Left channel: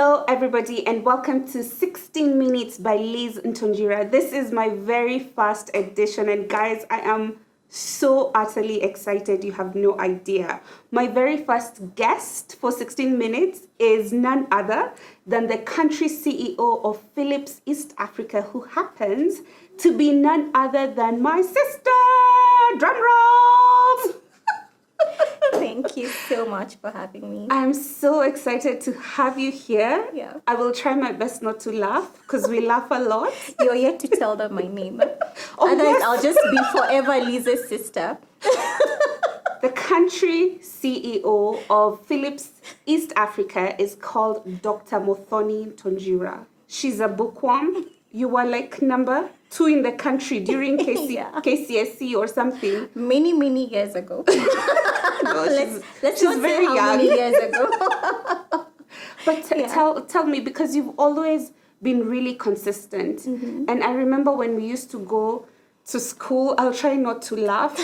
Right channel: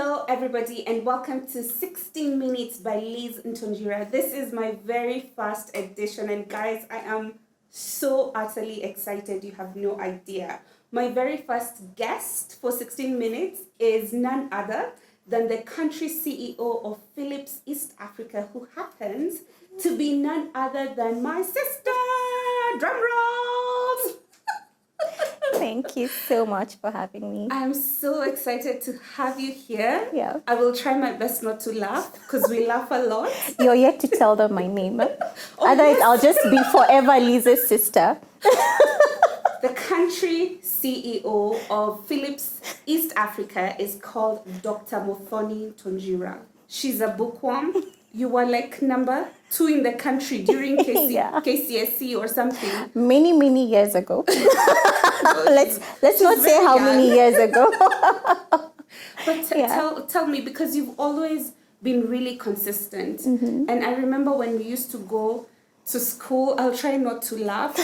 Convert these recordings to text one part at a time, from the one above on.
Hello, everybody, and welcome to 16 Minutes by Lizz Ntonjira. This is my very first edition, and guys, I am so utterly excited. You have no idea. My very first guest for 16 Minutes is none other than the country CEO of Philips East Africa, who happens to be none other than my sister. Drum rolls! Thank you so much for having me. I'm so excited to have you here. Yeah. I will try my best not to laugh because we laugh a lot. You're yet to tell them my name. Otherwise, yes. I'll just be forever Lizz's sister. The country CEO of Philips East Africa is called Dr. Muthoni Ntonjira. She's a bookworm. You were like number 2 in the country during KCSE or something. Many years ago. No, let's not say how many years ago. But tell me, because you've always been really consistent. Mm-hmm. And I remember when we used to go to school, I'll try not to laugh.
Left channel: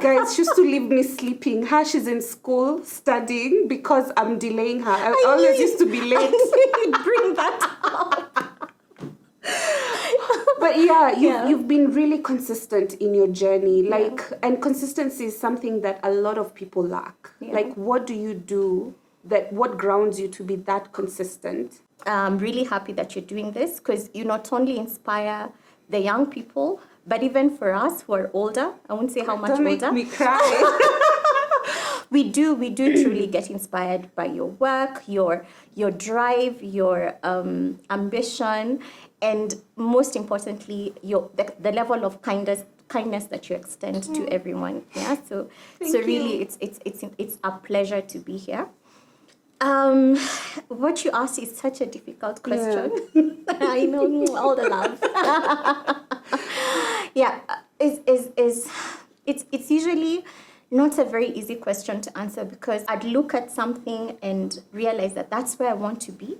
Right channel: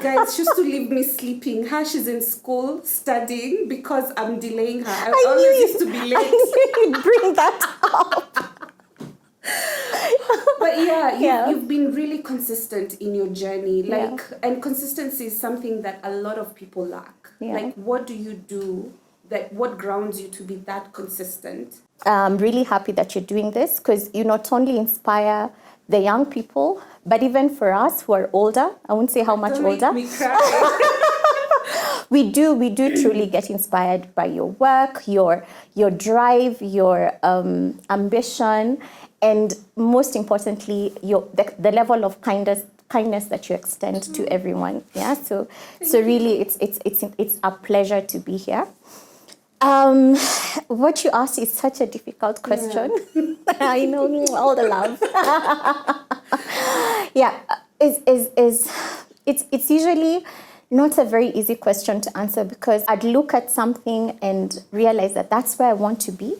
Guys, she used to leave me sleeping. She's in school studying because I'm delaying her. I always used to be late. I knew you'd bring that up. But you've been really consistent in your journey. And consistency is something that a lot of people lack. Yeah. Like, what do you do what grounds you to be that consistent? I'm really happy that you're doing this because you not only inspire the young people, but even for us who are older, I won't say how much older. Don't make me cry. We do truly get inspired by your work, your drive, your ambition, and most importantly, the level of kindness that you extend to everyone. Yeah. So really, it's a pleasure to be here. What you asked is such a difficult question. Yeah. I know, all the love. It's usually not a very easy question to answer because I'd look at something and realize that that's where I want to be,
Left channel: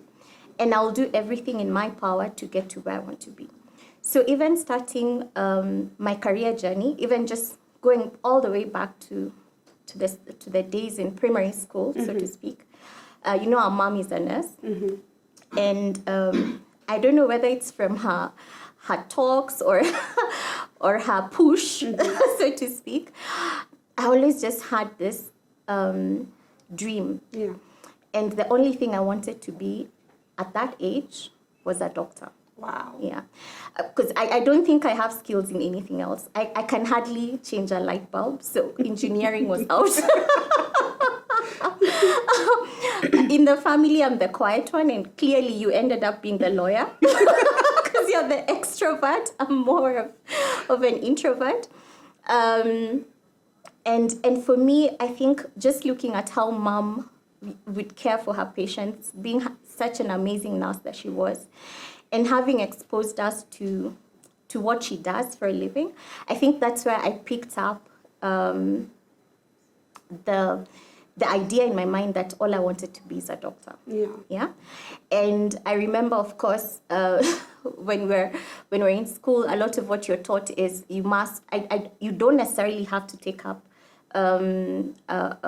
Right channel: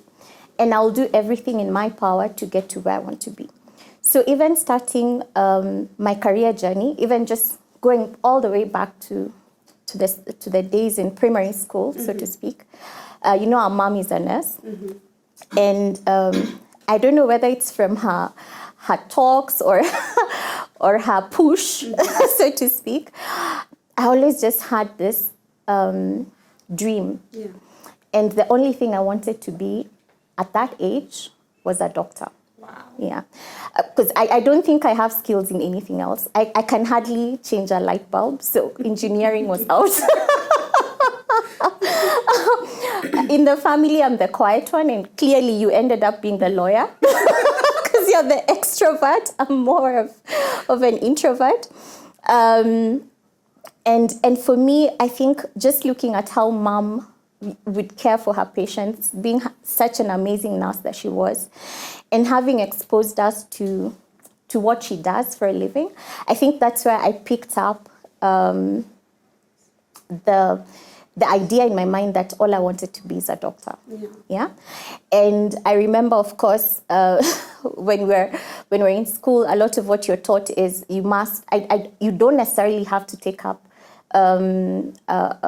and I'll do everything in my power to get to where I want to be. So even starting my career journey, even just going all the way back to the days in primary school, so to speak. Our mom is a nurse, and I don't know whether it's from her talks or her push, so to speak. I always just had this dream, and the only thing I wanted to be at that age was a doctor. Wow. Yeah, because I don't think I have skills in anything else. I can hardly change a light bulb, so engineering was out. In the family, I'm the quiet one, and clearly you ended up being the lawyer because you're the extrovert. I'm more of an introvert. And for me, I think just looking at how mom would care for her patients, being such an amazing nurse that she was, and having exposed us to what she does for a living, I think that's where I picked up the idea in my mind that all I wanted to be is a doctor. Yeah. And I remember, of course, when we're in school, a lot of what you're taught is you don't necessarily have to take up a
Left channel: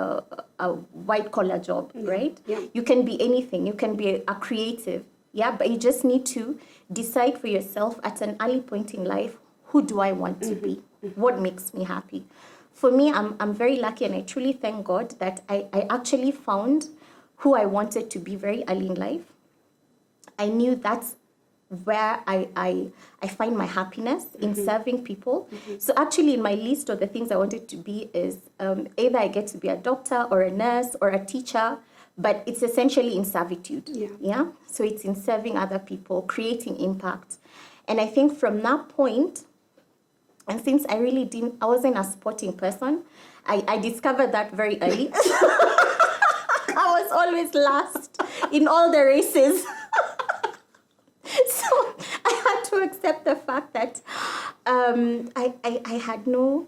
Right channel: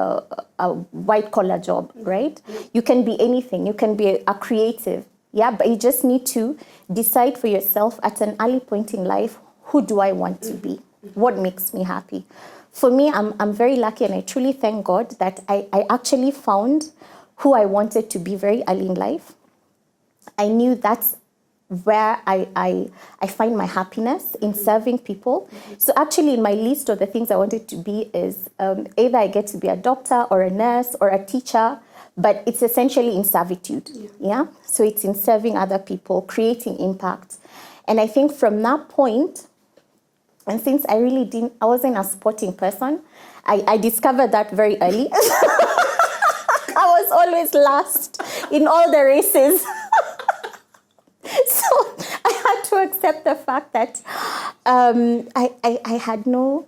white collar job, right? Yeah. You can be anything. You can be a creative. Yeah, but you just need to decide for yourself at an early point in life, who do I want to be? What makes me happy? For me, I'm very lucky, and I truly thank God that I actually found who I wanted to be very early in life. I knew that's where I find my happiness in serving people. So actually, in my list of the things I wanted to be is either I get to be a doctor or a nurse or a teacher, but it's essentially in servitude. Yeah. So it's in serving other people, creating impact. And I think from that point, and since I wasn't a sporting person, I discovered that very early. I was always last in all the races. So I had to accept the fact that I had no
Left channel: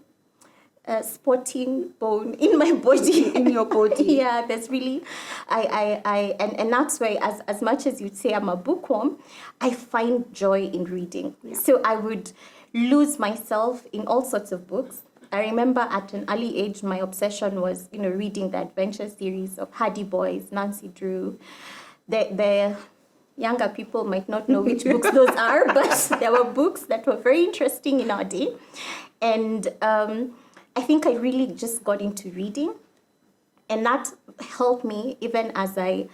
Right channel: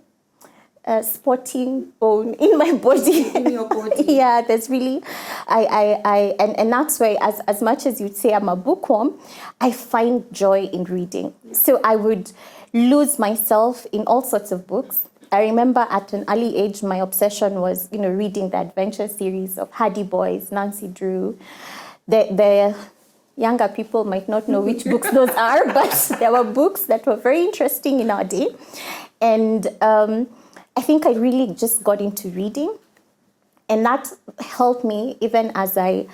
sporting bone in my body. In your body. Yeah, there's really, and that's why as much as you'd say I'm a bookworm, I find joy in reading. Yeah. So I would lose myself in all sorts of books. I remember at an early age, my obsession was, reading the adventure series of Hardy Boys, Nancy Drew, the younger people might not know which books those are, but there were books that were very interesting in our day. And I think I really just got into reading. And that helped me even as I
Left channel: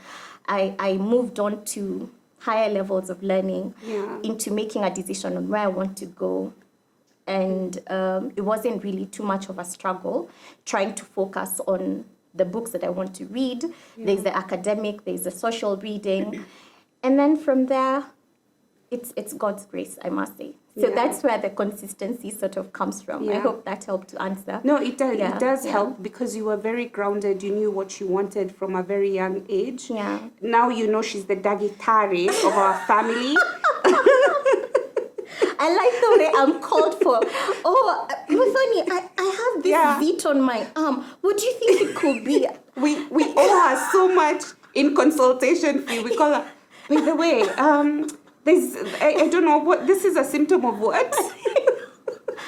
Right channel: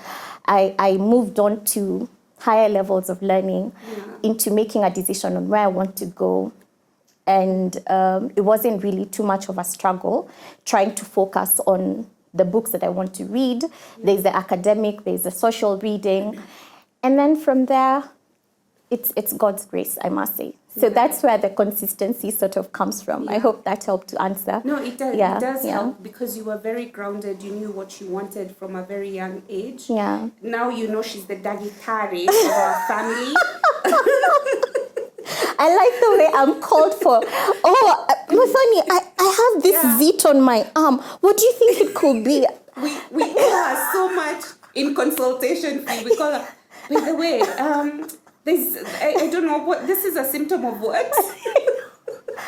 moved on to higher levels of learning, into making a decision on where I want to go. And it wasn't really too much of a struggle trying to focus on the books that I want to read. There's the academic, there's the social reading. And then from there, it's God's grace, I must say. So that's where the consistency sort of comes from. I hope that helped to answer. No, it does. It does help because you were very grounded. You knew what you wanted from a very young age. Yeah. Now you know she's the dagitari of our family. I like the way I'm called for. Oh, Muthoni, I have this zit on my arm. What do you think it could be? We owe her so much in consultation fee. We call her, by the way, there's, I don't know, what, this is a symptom of what?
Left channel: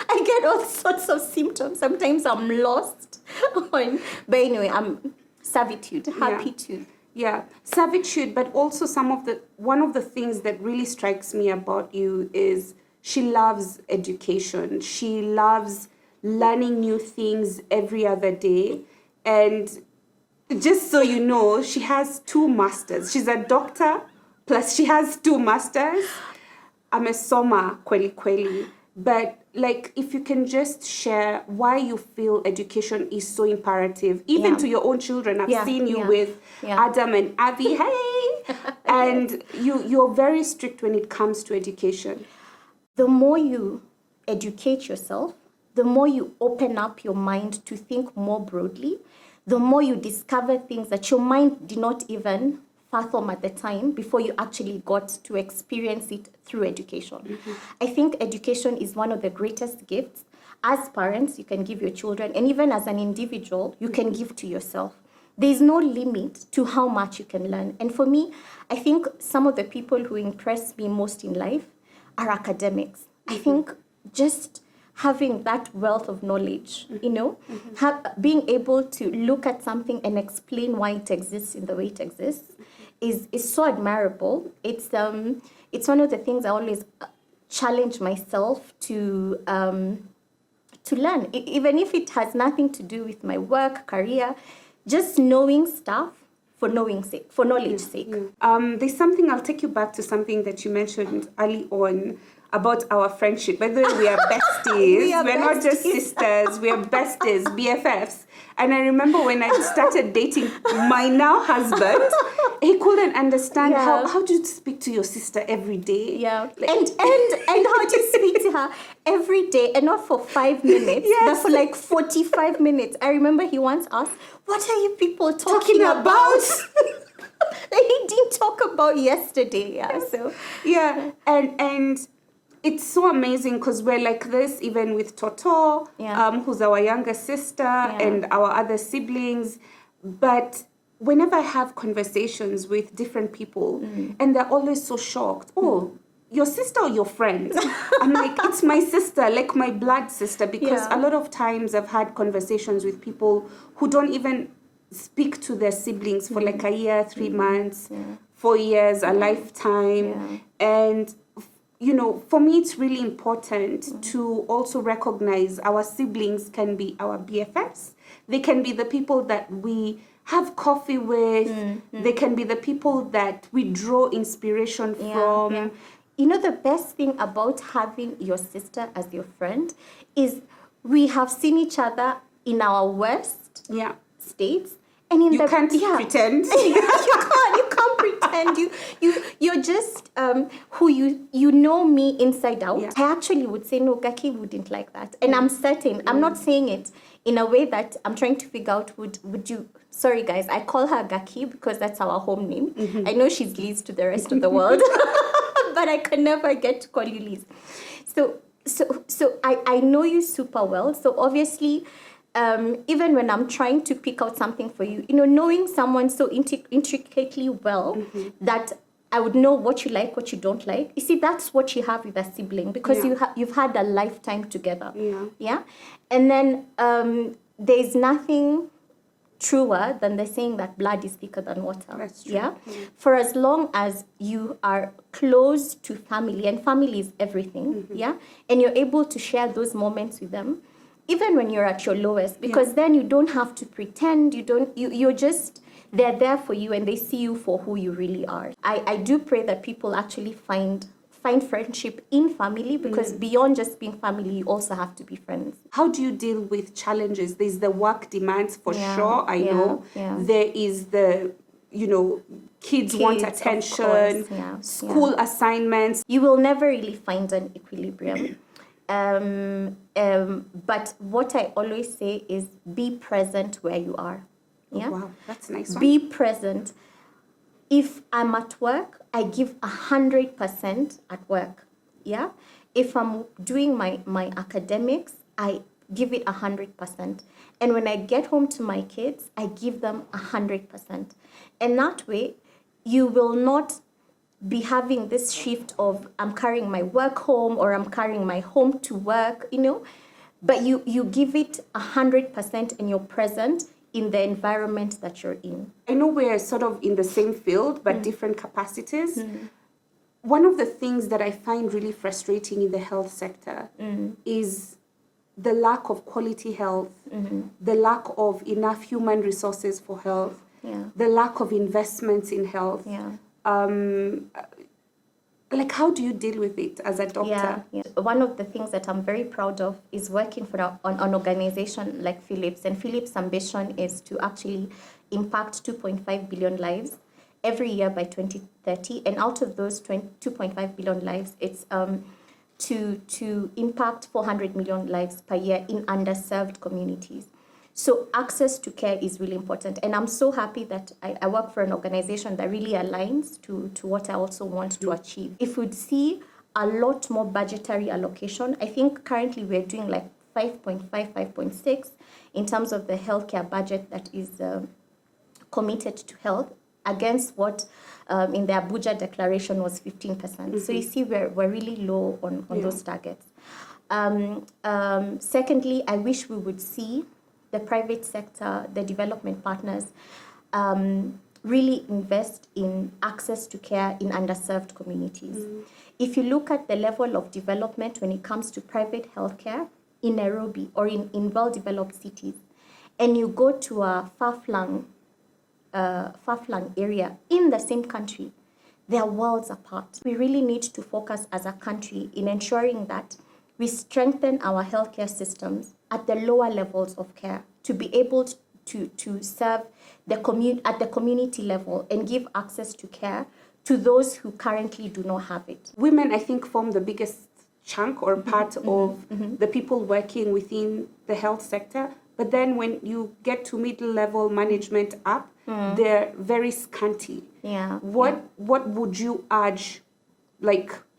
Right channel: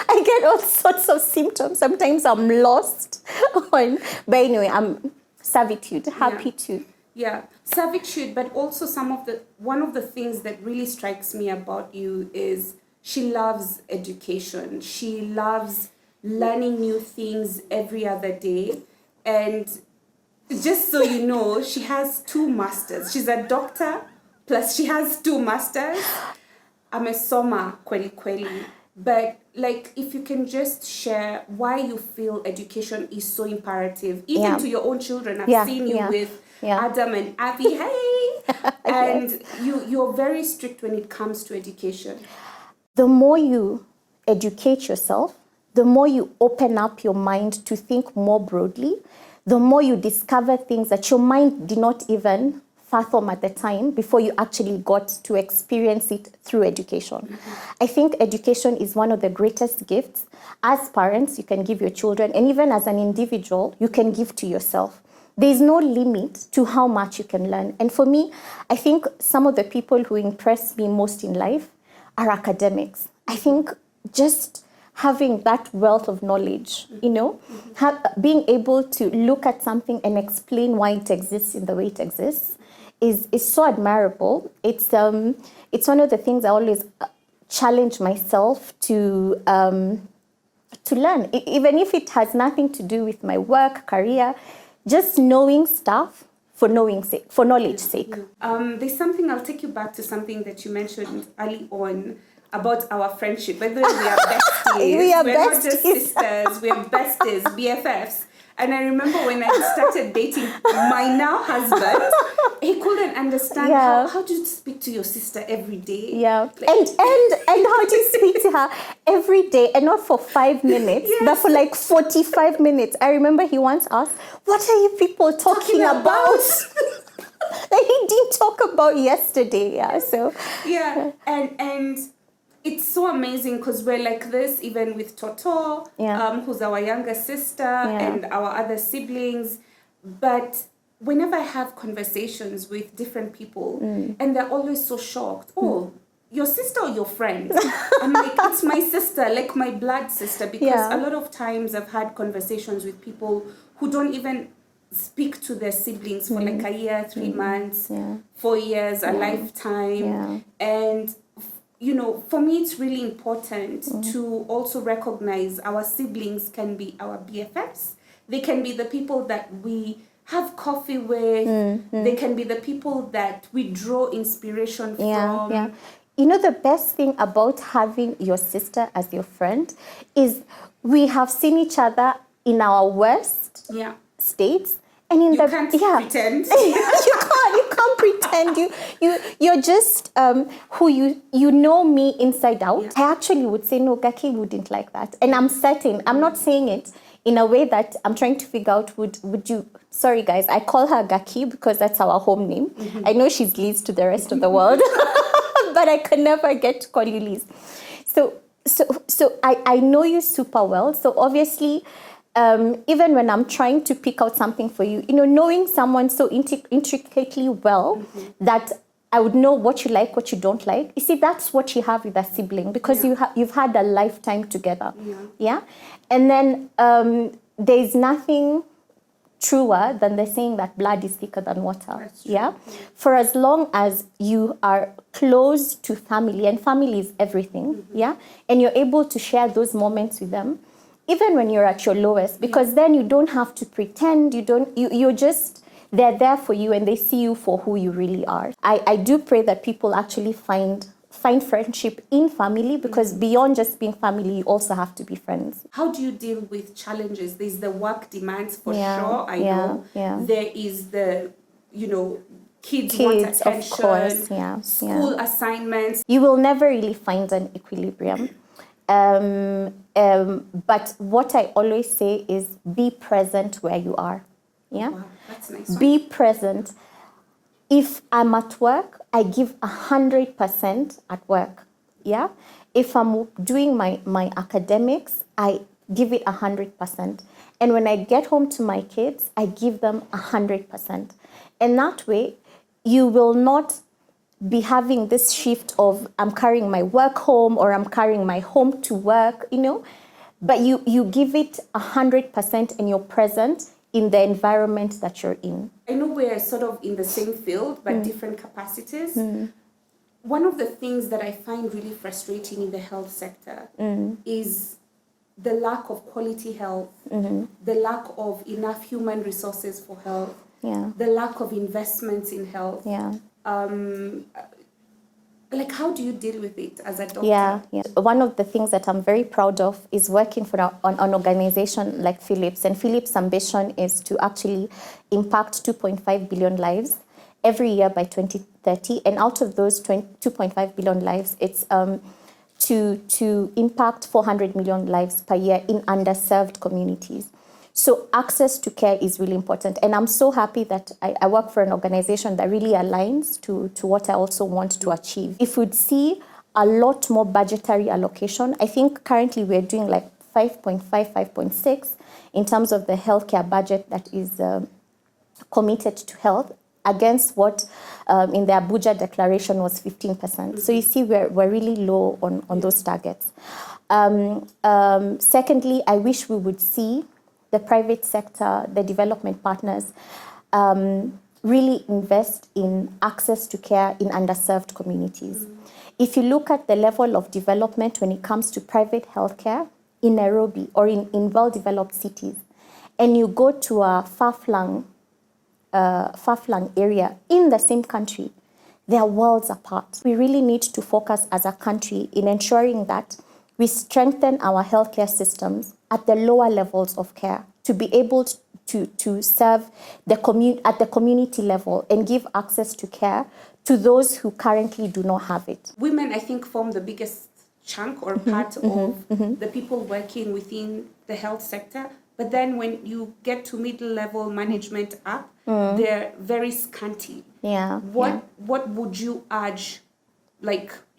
I get all sorts of symptoms. Sometimes I'm lost. But anyway, I'm servitude, happy to. Yeah, servitude, but also one of the things that really strikes me about you is she loves education. She loves learning new things every other day. And just so you know, she has 2 masters. She's a doctor, plus she has 2 masters. I'm a soma kweli. But like, if you can just share why you feel education is so imperative, even to your own children. I've seen you with Adam and Abby. Hey! And you're very strict when it comes to education. The more you educate yourself, the more you open up your mind to think more broadly, the more you discover things that your mind did not even fathom at the time before you actually got to experience it through education. I think education is one of the greatest gifts. As parents, you can give your children, and even as an individual, you can give to yourself. There's no limit to how much you can learn. And for me, I think some of the people who impress me most in life are academics. I think just having that wealth of knowledge, you know, being able to look at something and explain why it exists in the way it exists is so admirable. It's one of the things I always challenge myself to learn, even if it has nothing to do with my work, career, just knowing stuff for knowledge's sake. There's something, I'll take you back to something that you mentioned early on about our friendship. Whether we are besties, we're not just sisters, we are besties, BFFs. And I remember when I started dating my now husband, he couldn't understand how do you speak to your sister every day? Yeah, like, and how do you speak to her every day, and not for 5 minutes, but for like 45 minutes. I remember he once asked, "What are you people talking about?" That he didn't talk about yesterday. And it's so amazing because we're like this even with Toto, who's our younger sister, and our other siblings. But whenever I have conversations with different people, and they're always so shocked, oh, your sister or your friend? I'm like, it's my sister, like my blood sister, because a lot of times I've had conversations with people who don't even speak to their siblings for like a year, 3 months, 4 years, a lifetime. And you know, for me, it's really important to also recognize our siblings can be our BFFs. They can be the people that we have coffee with. They can be the people that we draw inspiration from. Yeah. You know, the best thing about having your sister as your friend is we have seen each other in our worst states. And in you can't pretend. You can't pretend. You're just who you know me inside out. Yeah. I actually would say no, Gaki wouldn't like that, and I'm certain. I'm not saying it in a way that I'm trying to figure out. Would you? Sorry guys, I call her Gaki because that's our home name. I know she's Liz to the rest of the world, but I could never get to call you Liz. So I know you super well. So obviously. Even when I'm trying to pick out something for you, you know, knowing someone so intricately well that I would know what you like, what you don't like. You see, that's what you have with a sibling because you've had a lifetime together. Yeah. And then there's nothing truer than the saying that blood is thicker than water. That's true. Yeah? For as long as you are close to family, and family is everything, yeah? And you're able to share those moments with them, even when you're at your lowest, because then you don't have to pretend, you're just, they're there for you and they see you for who you really are. I do pray that people actually find friendship in family, because beyond just being family, you also have to be friends. How do you deal with challenges? There's the work demands for sure, I know. Yeah. There is the, kids want attention, of course, school assignments. You will never really find an equilibrium. But what I always say is be present where you are. Yeah? Wow, that's a nice one. Be present. If I'm at work, I give 100% at work. Yeah. If I'm doing my academics, I give it 100%. And when I get home to my kids, I give them 100%. And that way, you will not be having this shift of I'm carrying my work home or I'm carrying my home to work, But you give it 100% and you're present in the environment that you're in. I know we're sort of in the same field, but different capacities. One of the things that I find really frustrating in the health sector is the lack of quality health, the lack of enough human resources for health, the lack of investments in health. Like, how do you deal with it as a doctor? Yeah. One of the things that I'm very proud of is working for an organization like Philips. And Philips' ambition is to actually impact 2.5 billion lives every year by 2030. And out of those 2.5 billion lives, it's to impact 400 million lives per year in underserved communities. So access to care is really important. And I'm so happy that I work for an organization that really aligns to what I also want to achieve. If we'd see a lot more budgetary allocation, I think currently we're doing like 5.5, 5.6 in terms of the healthcare budget that is committed to health, against what in the Abuja declaration was 15%. So you see we're really low on those targets. Secondly, I wish we would see the private sector, the development partners, really invest in access to care in underserved communities. If you look at the level of development when it comes to private healthcare in Nairobi or in well-developed cities, and you go to a far-flung area in the same country, they are worlds apart. We really need to focus as a country in ensuring that we strengthen our healthcare systems at the lower levels of care to be able to serve at the community level and give access to care to those who currently do not have it. Women, I think, form the biggest chunk or part of the people working within the health sector. But then when you get to middle-level management up, they're very scanty. What would you urge,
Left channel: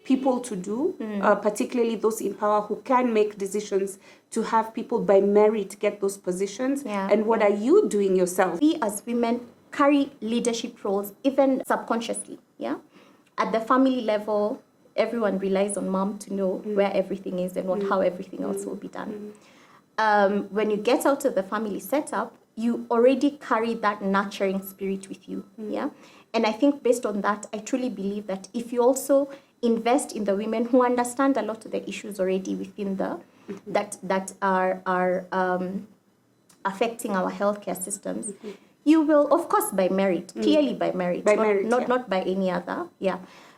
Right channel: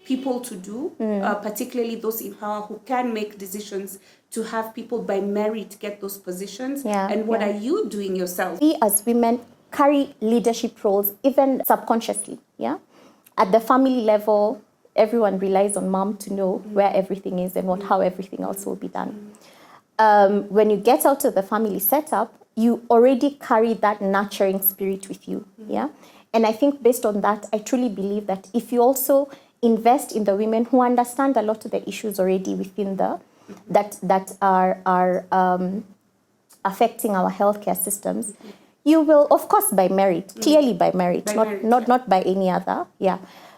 people to do, particularly those in power who can make decisions to have people by merit get those positions? And what are you doing yourself? We as women carry leadership roles even subconsciously. At the family level, everyone relies on mom to know where everything is and how everything else will be done. When you get out of the family setup, you already carry that nurturing spirit with you. And I think based on that, I truly believe that if you also invest in the women who understand a lot of the issues already within that are affecting our healthcare systems, you will, of course, by merit, clearly by merit, not by any other,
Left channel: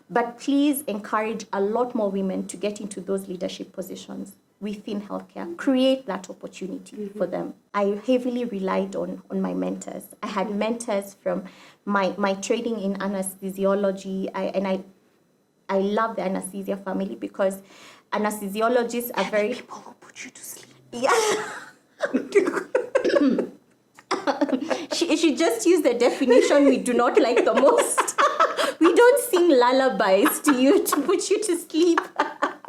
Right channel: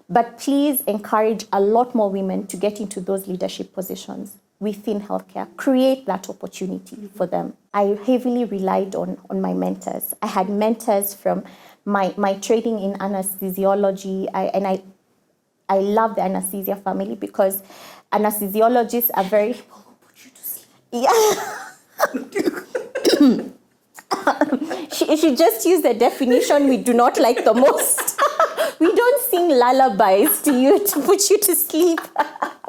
but please encourage a lot more women to get into those leadership positions within healthcare. Create that opportunity for them. I heavily relied on my mentors. I had mentors from my training in anesthesiology, I love the anesthesia family because anesthesiologists are very... People who put you to sleep. She just used the definition we do not like the most. We don't sing lullabies to you to put you to sleep.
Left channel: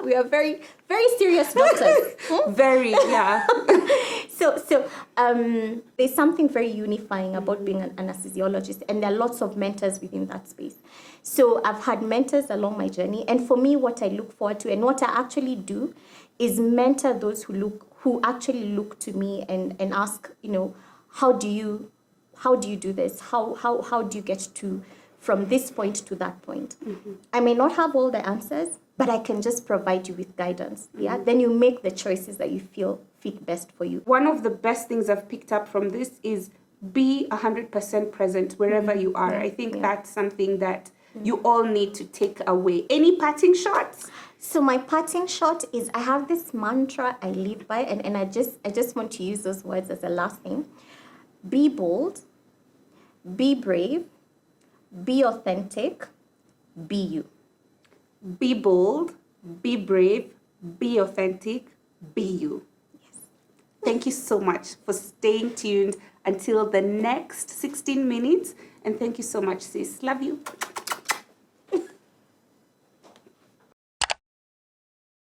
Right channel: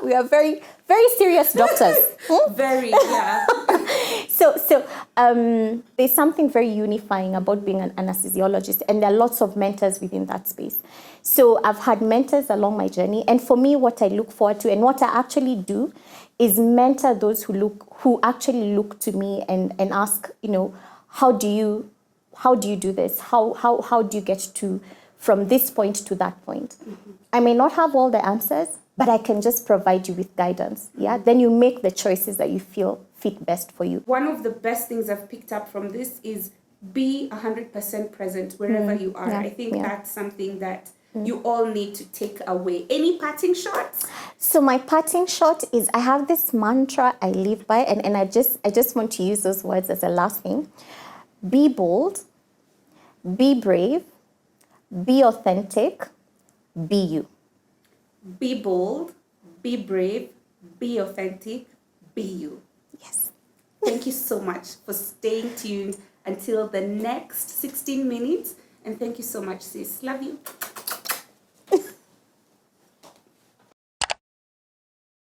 We are very, very serious doctors. Very, yeah. So there's something very unifying about being an anesthesiologist, and there are lots of mentors within that space. So I've had mentors along my journey, and for me, what I look forward to and what I actually do is mentor those who actually look to me and ask, how do you how do you do this? How do you get to from this point to that point? I may not have all the answers, but I can just provide you with guidance. Yeah. Then you make the choices that you feel fit best for you. One of the best things I've picked up from this is be 100% present wherever you are. Yeah. I think Yeah. that's something that you all need to take away. Any parting shots? So my parting shot is I have this mantra I live by, and I just want to use those words as a last thing. Be bold, be brave, be authentic, be you. Be bold, be brave, be authentic, be you. Yes. Thank you so much for staying tuned until the next 16 minutes. And thank you so much, sis. Love you.